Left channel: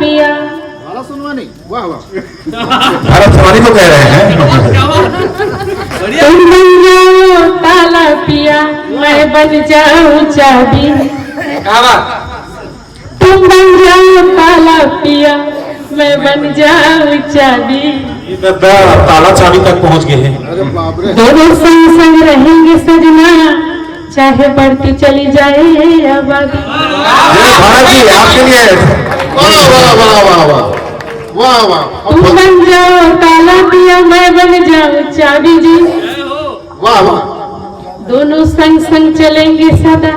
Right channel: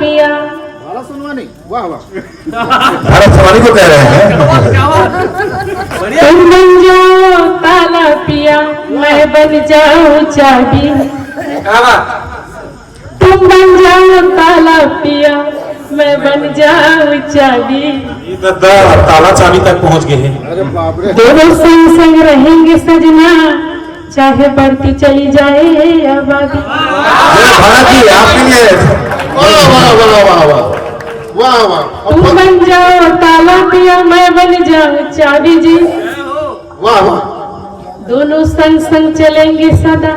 पिया। ताला सुनवानी, वाह वाह। ताला सुनवानी तो कह रहे हैं। तुम बन जाओ ताला पिया, मैं बन जाऊं चाबी। तुम बन जाओ ताला पिया, मैं बन जाऊं चाबी। ताला चाबी तक पहुंच गए हैं। अरे बाप रे। दोनों संग संग रहेंगे सजना, चाहे बढ़ती चली जाए आबादी। भारत जी आपके लिए वाह वाह वाह वाह वाह वाह वाह। तुम बन जाओ ताला पिया, मैं बन जाऊं चाबी जी। वाह वाह। दोनों संग संग चलेंगे सदा,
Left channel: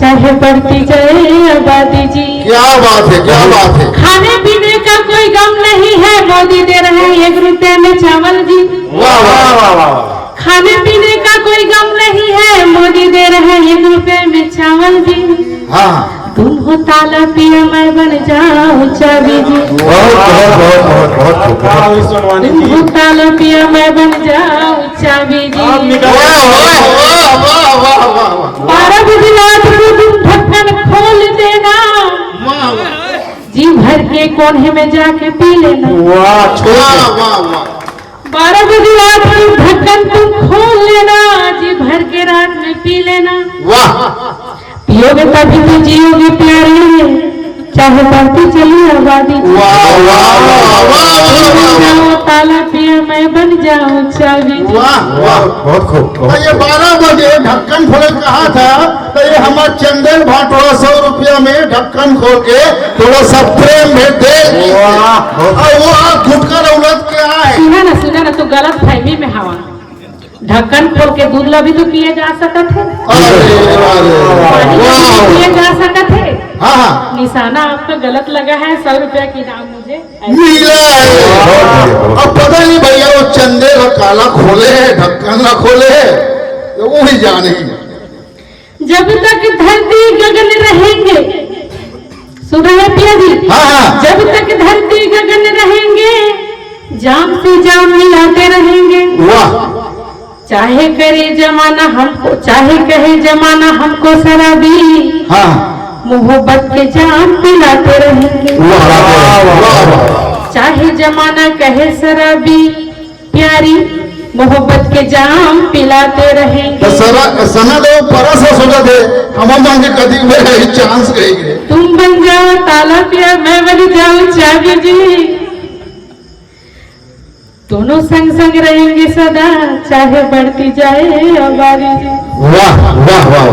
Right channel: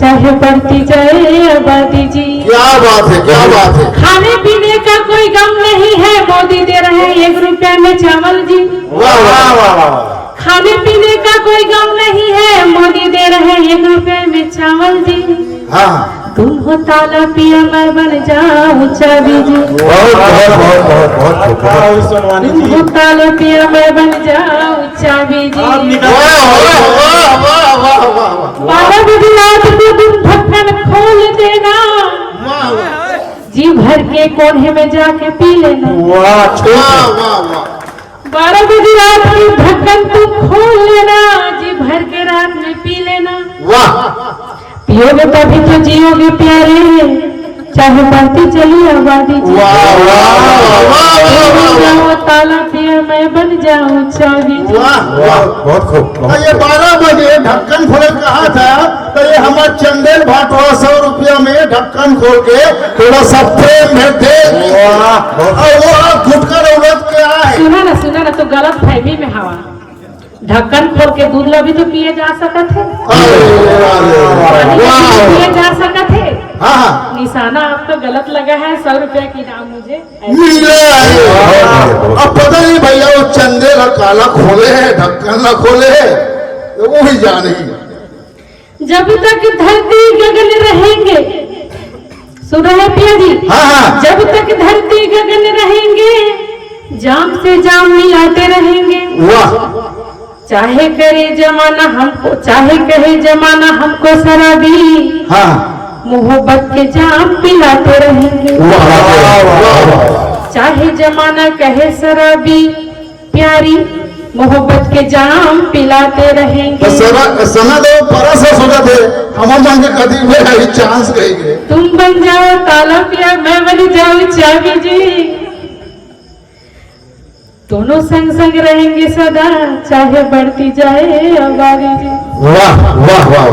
चाहे बढ़ती जाए आबादी जी। क्या बात है, क्या बात है। खाने पीने का कोई गम नहीं है, मोदी दे रहे हैं 1 रुपए में चावल जी। वाह वाह वाह वाह। खाने पीने का कोई गम नहीं है, मोदी दे रहे हैं 1 रुपए में चावल जी। हाँ तुम हो ताला पिया, मैं बन जाऊं चाबी जी। बहुत बहुत बहुत बहुत बहुत तुम हो ताला पिया, मैं बन जाऊं चाबी जी। वाह वाह वाह वाह वाह वाह। 12 बजे रात को तुम ढक्कन खोल देना, वाह वाह जी भर के कोने में जाके पी लेना। वाह वाह वाह। 12 बजे रात को ढक्कन तुम खोल लेना, जी भर के रात में पी लेना। वाह पियोगे तभी तो जियोगे प्यारे, चाहे बढ़ती चली आबादी जी। वाह वाह वाह। ताला पिया, मैं बन जाऊं चाबी जी। वाह वाह। बहुत खूब ये 12 बजे ढक्कन खोल कहा था, तो ये हमारे चंदेल भाटवा 100 रुपया में ढक्कन खोल के थोड़ा सा प्रेम भेज दे। और वो गुटका रौलत के आए। सुना ना तो गलत फहमी में हवा। ढक्कन खोल के दूध भी तो पिए जा सकते थे, पानी भी पिए जा सकते थे। हाँ हाँ निशाना आपको गलत लगा है। 100 रुपया की दाम मुझे मिले। अब पता नहीं भैया वो चंदेल और काला खोले है, ढक्कन ना खोले है, तो वो ही जाने। जब तक धरती गगन रहेंगे, सुन रहे हैं पिया जी? हाँ हाँ। जब तक धरती गगन रहेंगे, जाम से जाम मिलाते रहेंगे। वाह चाहे करे जमाना हमको, चाहे कहे जमाना हमको शराबी, हाँ। मोहब्बत के जाम पिलाते रहेंगे। वाह वाह वाह। चाहे जमाना कहे शराबी, प्यारी मोहब्बत के जाम पिलाते रहेंगे। सना दो परस सोचा थे हम मांगे कदी में चांस गई। तुम बन जाओ ताला पिया, मैं बन जाऊं चाबी जी। दोनों संग संग रहेंगे सदा, चाहे बढ़ती जाए आबादी जी। वाह वाह वाह।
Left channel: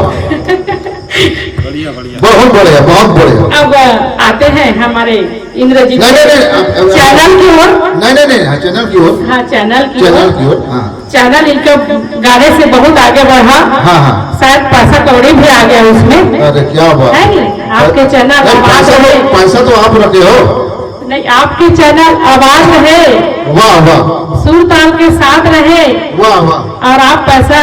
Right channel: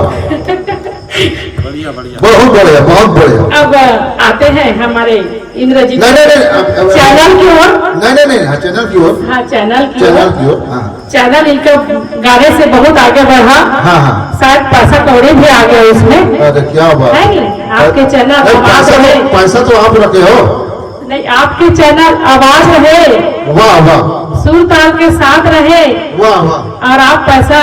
बहुत बढ़िया बहुत बढ़िया। अब आते हैं हमारे इंद्रजीत नहीं चैनल की ओर। नहीं हाँ चैनल की ओर। हाँ चैनल की चैनल ओर। की ओर। हाँ चैनल इनका गाने से बहुत आगे बढ़ा। हाँ हाँ। शायद पैसा कौड़ी भी आ गया उसमें। अरे क्या बात है आपके चैनल आवाज रहे। पैसा तो आप रखे हो। नहीं, आपके चैनल आवाज रहे, वाह वाह सुर ताल के साथ रहे, वाह वाह और आप पैसा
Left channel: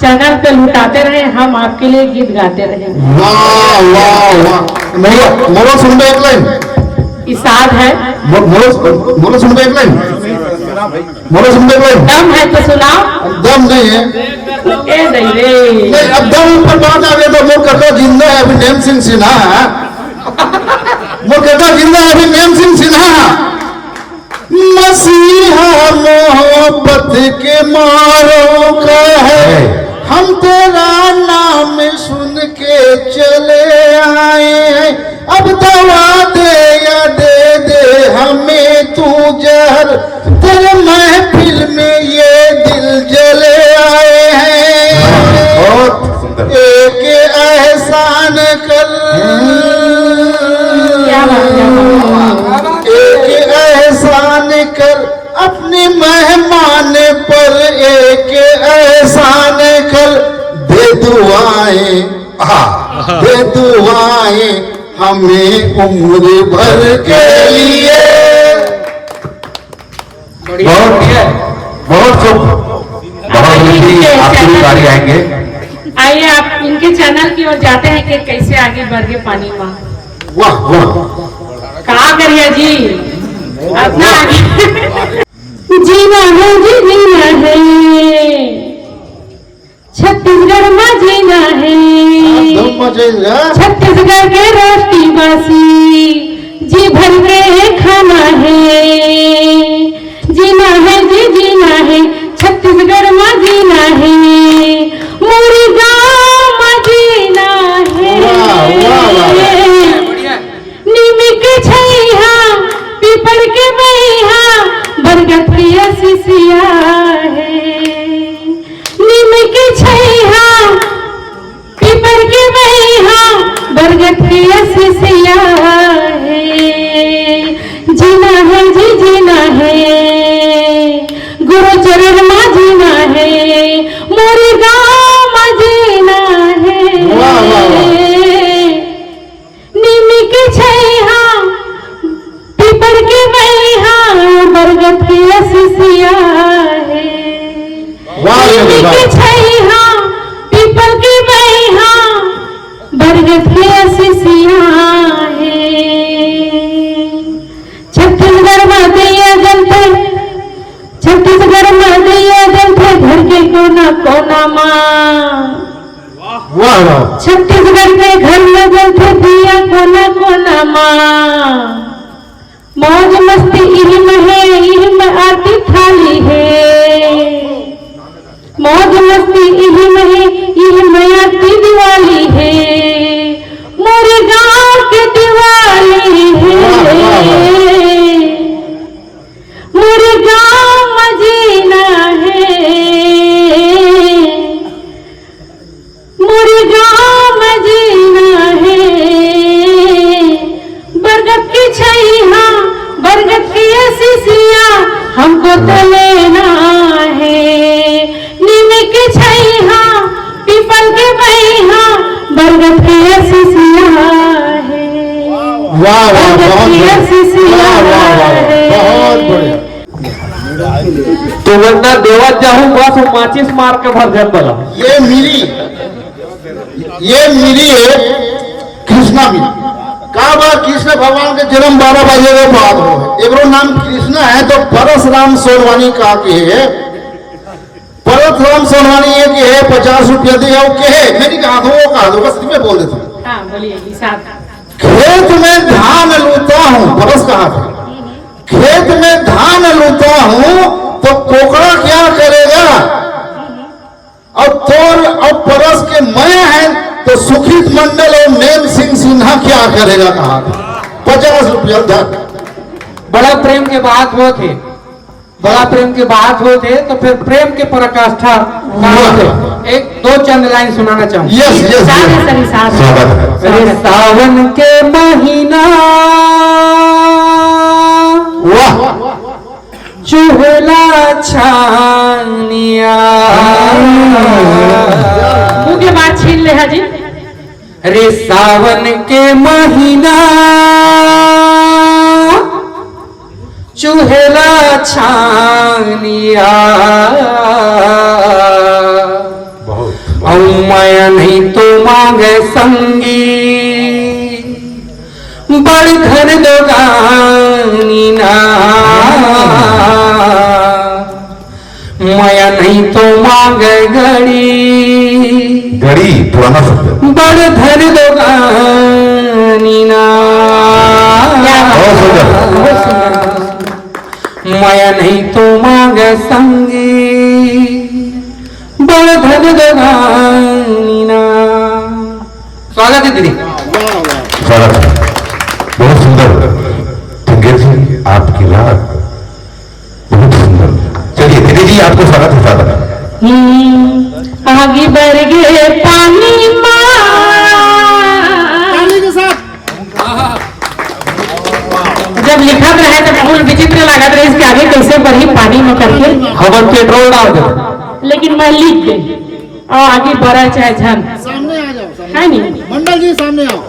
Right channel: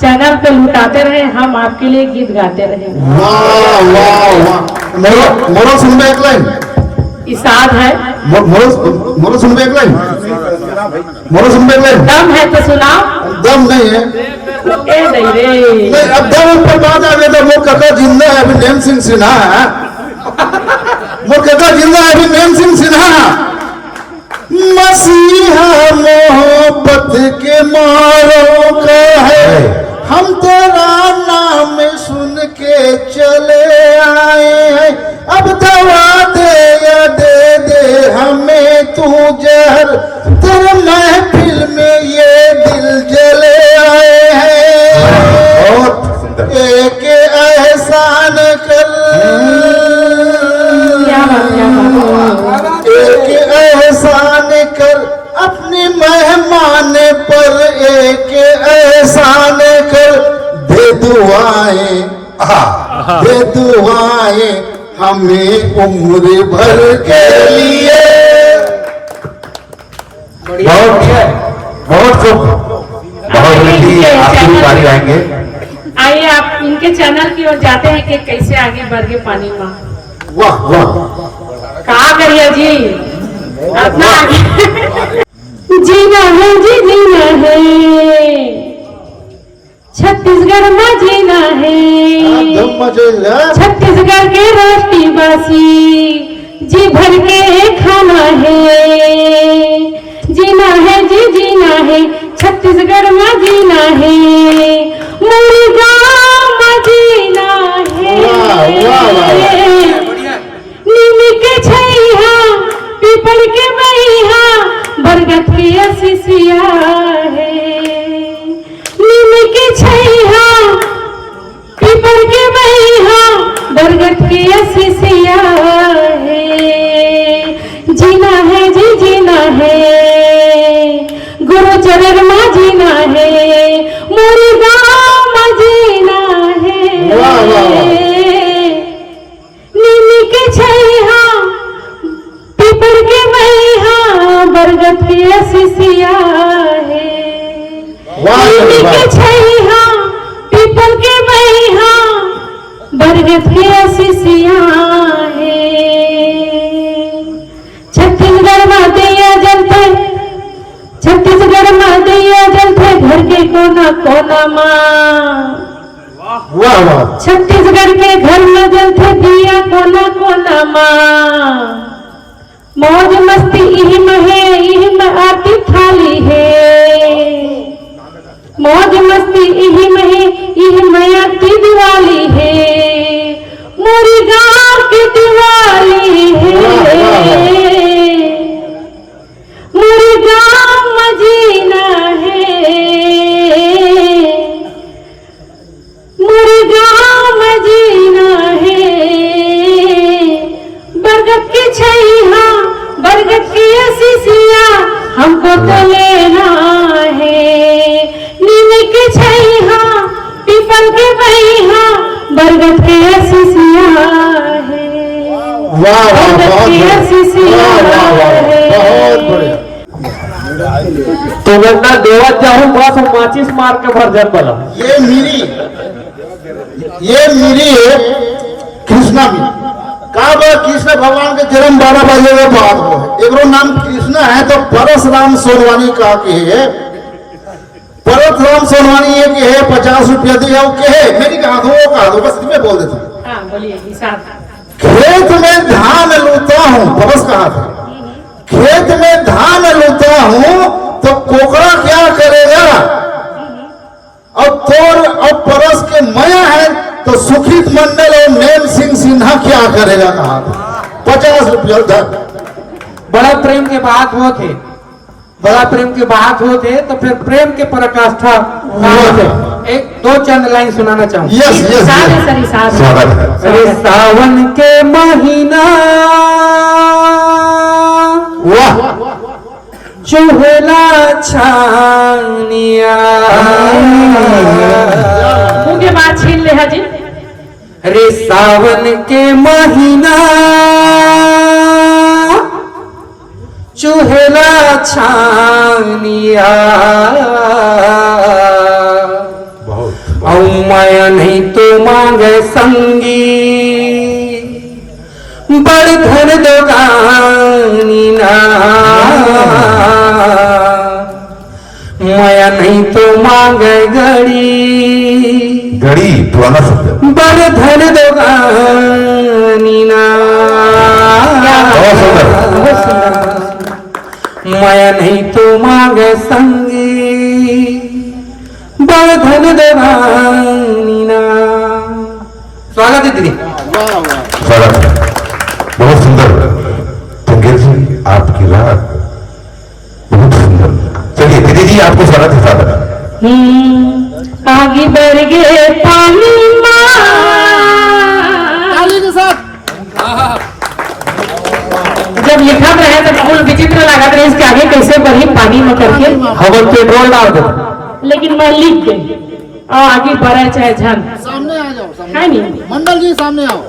चैनल पे लुटाते रहे, हम आपके लिए गीत गाते रहे। वाह वाह वाह। मोरो सुन में एक लाइन। इसाद है, मोरो सुन में एक लाइन। मोरो सुन में एक लाइन। दम है तो सुनाओ। दम नहीं है। ए नहीं रे। नहीं अब दम ऊपर बात आ गया तो मोर कहता जिंदा है अभी नेम सिंह सिन्हा है। मोर कहता जिंदा है अभी नेम सिंह सिन्हा। मसीहा मोहब्बत के मारों का है, हम तेरा नाम सुन के चले आए हैं। अब दवा दे या दे दे हमें तू जहर, तेरे महफिल में ये दिल जले आए हैं। एक एहसान कर, एक एहसान कर अपने मेहमान पर, एक एहसान कर, दे दुआएं दे दुआएं हमें उम्र भर के लिए। बहुत बहुत खूब। आपकी गाड़ी आएंगे। आइए आप इनके चैनल की ओर जाते हैं कि कैसे आगे बढ़ के पानी में। वाह वाह। कहा करिए जी अपना जीना है जी, जीना है छत्तीसगढ़ में, जीना है छत्तीसगढ़ के रोटी बासी, जी भर के खाना है, जीना है जी जीना है, छत्तीसगढ़ में जीना है, मोरी गाँव में जीना है। नीम के छैया पीपल के मैया बरगद की असिसिया है, नीम के छैया पीपल के मैया बरगद की असिसिया है। जीना है जी जीना है, गुरु चरण में जीना है, मोरी गाँव में जीना है। नीम के छैया पीपल के मैया बरगद की असिसिया है। नीम के छैया पीपल के मैया बरगद की असिसिया है। छत्तीसगढ़ में दिया जलते, छत्तीसगढ़ में दिया जलते घर के कोना कोना माँ। छत्तीसगढ़ के घर में जलते दिया कोना कोना माँ। मौज मस्ती इही में है, इही में आरती थाली है। मौज मस्ती इही में है, इही में आरती दिवाली है, मोरे गाँव के दिवाली है। मोरे गाँव में जीना है, मोरे गाँव में जीना है। बरगद की छैया बरगद की असिसिया हमको तो लेना है। नीम की छैया पीपल के मैया बरगद की असिसिया है। बरगद की असिसिया है। बहुत बढ़िया। तो वरना देवत जाहूं बस माचिस मार के भर जाता। ये मिली है कृष्णा मिली का बात। कृष्ण भगवान के जन्म 12 बजे के बाद हो, एगो नाम कृष्णा है तो परशुराम सोनवानी का के है। परशुराम सोनवानी ये के है 50 रुपया दे के है। मेरी कहा दो बस मैं बोल देता हूँ। हाँ बोलिए हिसाब। खेत में धान लूता हूँ, परस कहा था। खेत में धान लूता हूँ तो कोकड़ा क्या करेगा। अब तोर अब परस के मैं है तो सुखित मंडल और नेम सिंह सिन्हा क्या करेगा कहा। 50 रुपया उधर। बड़ा प्रेम के बात वो थे, बड़ा प्रेम के बात वो थे, तो फिर प्रेम के पराकाष्ठा एक दो चंद लाइन सुनाना चाहूंगा। यस यस सारे सरी सारे। अरे सावन के महीना वाह चुहला छानिया मुंह के बाद छीन ले है जी। रे सावन के महीना चुहला छानिया और मैं नहीं तो मांगे संगी बड़ धन दोगानी ना। मैं नहीं तो मांगे घड़ी पुराना शब्द है। बड़ धन दोगानी ना। बहुत सुंदर। मैं नहीं तो मांगे संगी बड़ धन दोगानी ना। स्वागत है दीदी। स्वागत है। बहुत सुंदर संगीत जी, आपकी बात बहुत सुंदर। चलिए दीदी जी आपको स्वागत है। स्वागत है। आगे बढ़ गए पानी के साथ जब लिखत रहे तो फूल विचित्र लागत रहे, इसके आगे कैसे बढ़ी पानी में करके। हम पेट्रोल डाल दो। लेकिन मैं लिख गई और आगे बढ़ा चाहे झन सामने आ जाओ। है नहीं। मंडल जी सामने आओ।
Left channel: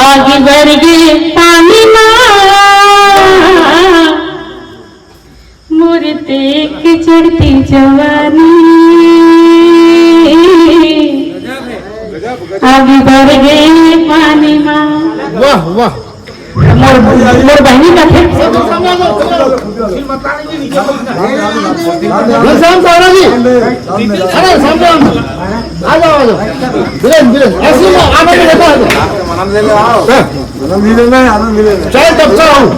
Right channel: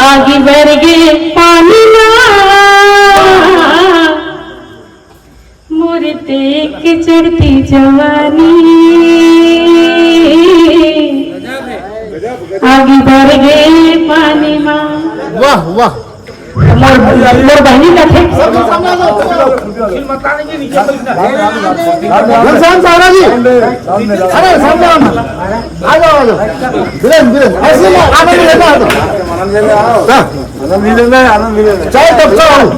आगे बढ़ गए पानी मोरे देख चढ़ती जवानी। आगे बढ़ गए पानी माँ। वाह वाह। मोर बहनी का थे घनश्याम सावरा जी, अरे सामने आ जाओ बीरेन बीरेन ऐसे में आनंद लेना है, चाय टपका हूँ।